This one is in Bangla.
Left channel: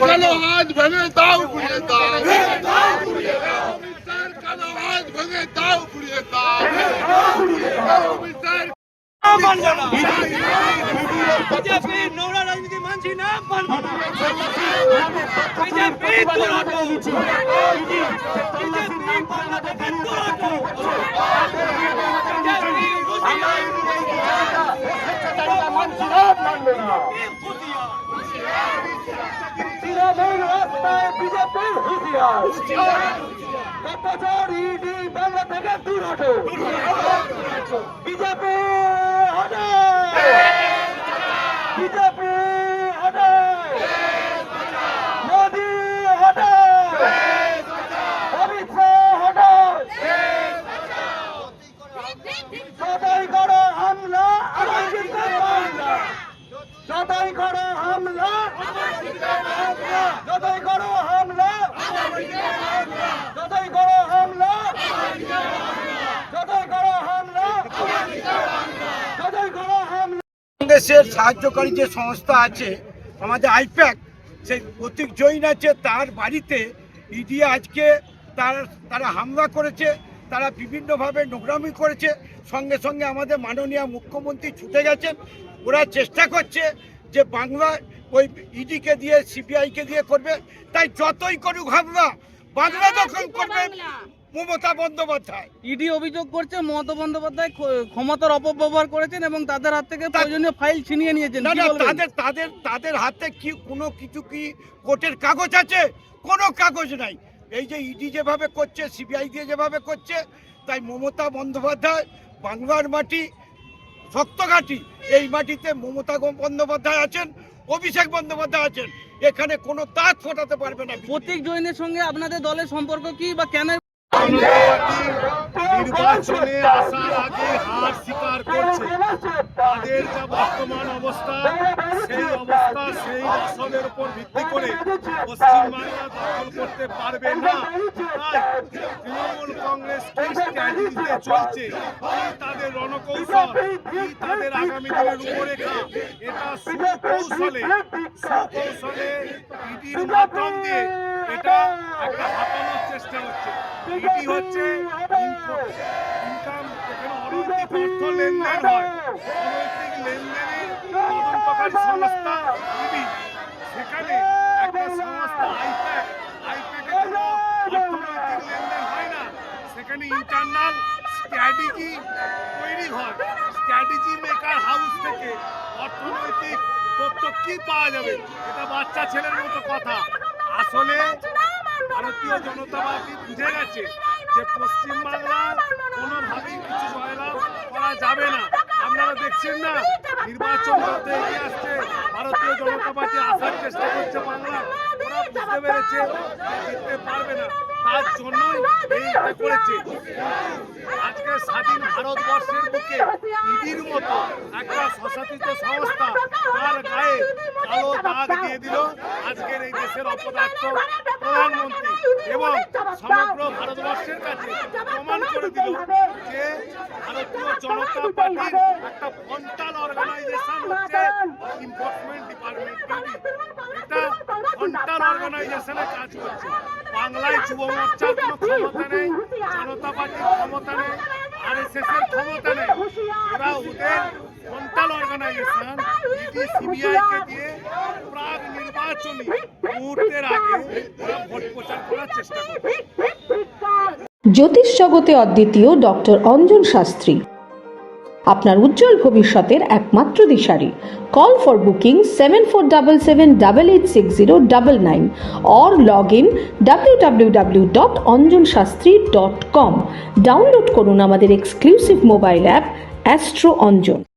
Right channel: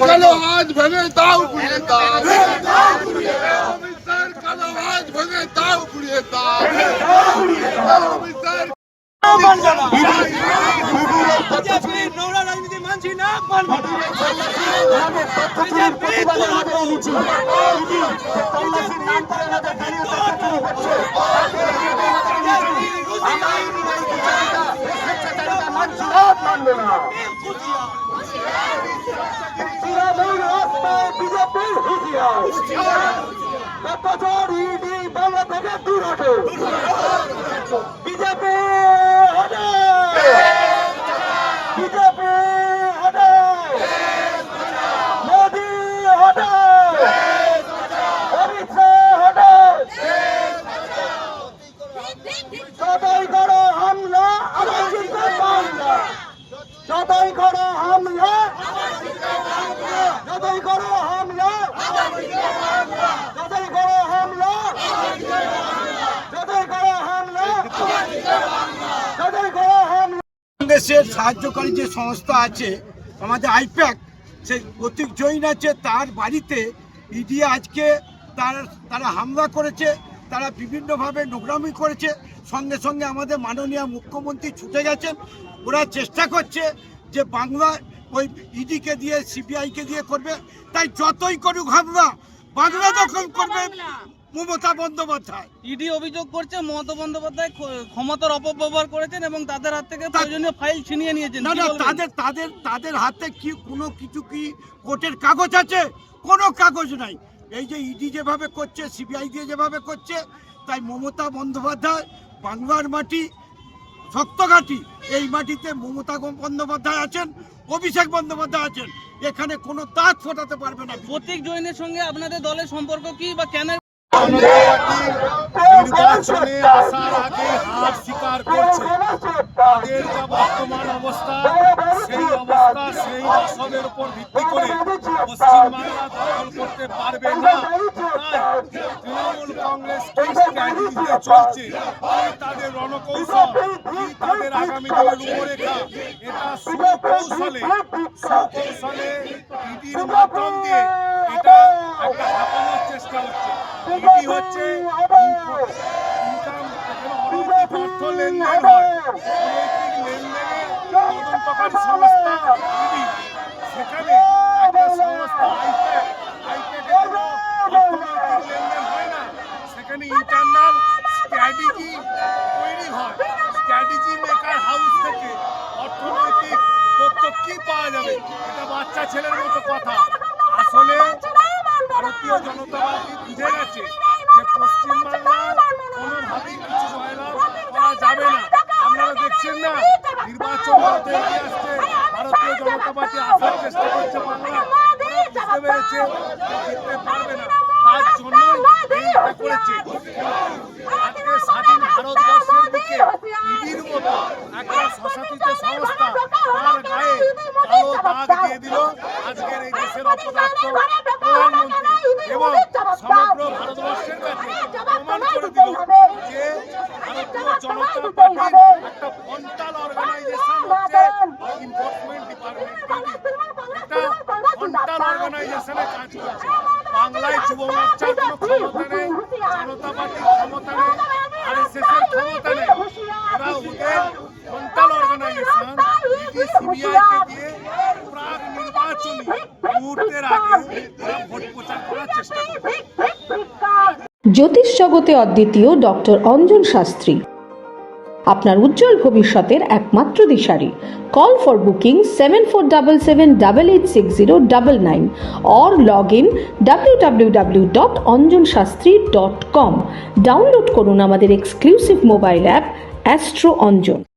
কালো হাত ভেঙে দাও ঘুরিয়ে দাও, কালো হাত ভেঙে দাও ঘুরিয়ে দাও, যতই করো হামলা আবার জিতবে বাংলা, যতই করো হামলা যতই করো হামলা যতই করো হামলা যতই করো হামলা যতই করো হামলা। বাংলাদেশের সাহায্যকারী যে সংস্থা আছে আমাদের আইপ্যাক, সেই প্রতীক জৈন আছে, তার বাড়িতে ইডি আজকে তারা হামলা করেছে, তারা বিভিন্নভাবে নোংরামি করেছে। সঙ্গে সঙ্গে আমাদের মাননীয় মুখ্যমন্ত্রী ছুটে গেছেন। ওরা চেষ্টা করছে যে বাংলা ওই ইডিকে দিয়ে সিবিআইকে দিয়ে করবে, তাই যতই করুক হামলা বাংলা দখল করবে মমতা বন্দ্যোপাধ্যায়। ইডি অভিযোগ করছে মমতা বন্দ্যোপাধ্যায় ক্ষমতার অপব্যবহার করেছেন এবং তাদের হাত থেকে প্রয়োজনীয় ফাইল ছিনিয়ে নিয়েছেন। না না, তাদের হাতে কি কোনো কিছু কি কোর্টের কাগজ আছে? কোনো কাগজ নাই। এই যে ইডি যেভাবে করছে, সিবিআই দিয়ে যেভাবে করছে, তাই মমতা বন্দ্যোপাধ্যায় বাংলার মাটি শক্ত ঘাঁটি, এই মাটিতে মমতা বন্দ্যোপাধ্যায় আছেন, অভিষেক বন্দ্যোপাধ্যায় আছেন, এখানে কোনো দাঁত ফোটাতে পারবে না। প্রতীক জৈনের সঙ্গে আপনাদের দলের সম্পর্ক কি বা কেন? নির্বাচনে আসার আগে হার স্বীকার করছে। তাদের যা বর্তমান অবস্থা, সেই অবস্থা সেই রসদের উপর ভিত্তি করে পশ্চিমবাংলা দখল করতে পারবে না। তাই তৃণমূল কংগ্রেস কি স্ট্র্যাটেজিতে চলছে, কি তাদের রণকৌশল, কি তাদের আগামী দিনের রূপরেখা, এটা সুকৌশলে ইডির মাধ্যম দিয়ে এটা একটা হাতানোর চেষ্টা হচ্ছে। ইডি হচ্ছে ইনকাম, এখানে অনৈতিক অর্থ লেনদেন হয়, অনৈতিক লেনদেনের তদন্তকারী সংস্থা ইডি। সেখানে একটা সংস্থা আইপ্যাকের কোনো অর্থনৈতিক লেনদেন হয় না, সেখানে ইন্টারনাল স্ট্র্যাটেজি তৈরি হয়। স্ট্র্যাটেজি মেকার হাউস থেকে অর্থনৈতিক তথ্য কি পাওয়া যাবে? এটা বাচ্চা ছেলের মতো কথা। আসলে ভারতীয় জনতা পার্টি বুঝে গেছে যে পশ্চিমবাংলার কোনোভাবেই কিছু জয়লাভ করা যাবে না। আপনারা দেখছেন না, নির্বাচন হতে এগিয়ে আসছে, ভারতীয় জনতা পার্টি আসার চেষ্টা করছে বাংলা। ওরা বুঝতে পেরেছে জিততে পারবে না, তার জন্যই এইটা করেছে। আজকে স্বাধীন ভারতবর্ষের বুকে ইডির মতো একটা স্বশাসিত সংস্থা তার গায়ে কালো দাগ দিয়ে দিল আজকের এই দেশের অপদার্থ প্রধানমন্ত্রী, এবং সমগ্র ভারতবর্ষের কাছে প্রমাণ করে দিল যে ভারতীয় জনতা পার্টির একটা ফ্রন্টাল অর্গানাইজেশন হচ্ছে এনফোর্সমেন্ট ডিপার্টমেন্ট। এটা ফ্রন্টাল অর্গানাইজেশনে কাজ করছে। বাংলায় যুব মোর্চার কোনো ক্ষমতা নেই, জনতা পার্টির ক্ষমতা নেই, আরএসএস এর ক্ষমতা নেই। ওরা ওদের ফ্রন্টাল অর্গানাইজেশন ইডি সিবিআইকে দিয়ে প্রাক নির্বাচনী মুহূর্তের আগে ওরা ভোট প্রচার করার চেষ্টা করছে। জ্যোতিষ জগতে অদ্বিতীয় ডক্টর অঞ্জন শাস্ত্রী, আপনার উজ্জ্বল ভবিষ্যতের একমাত্র দিশারি। Call for booking 7477886099 or log in www.anjanshastri.com. Download করুন আমাদের exclusive mobile app astro Anjan.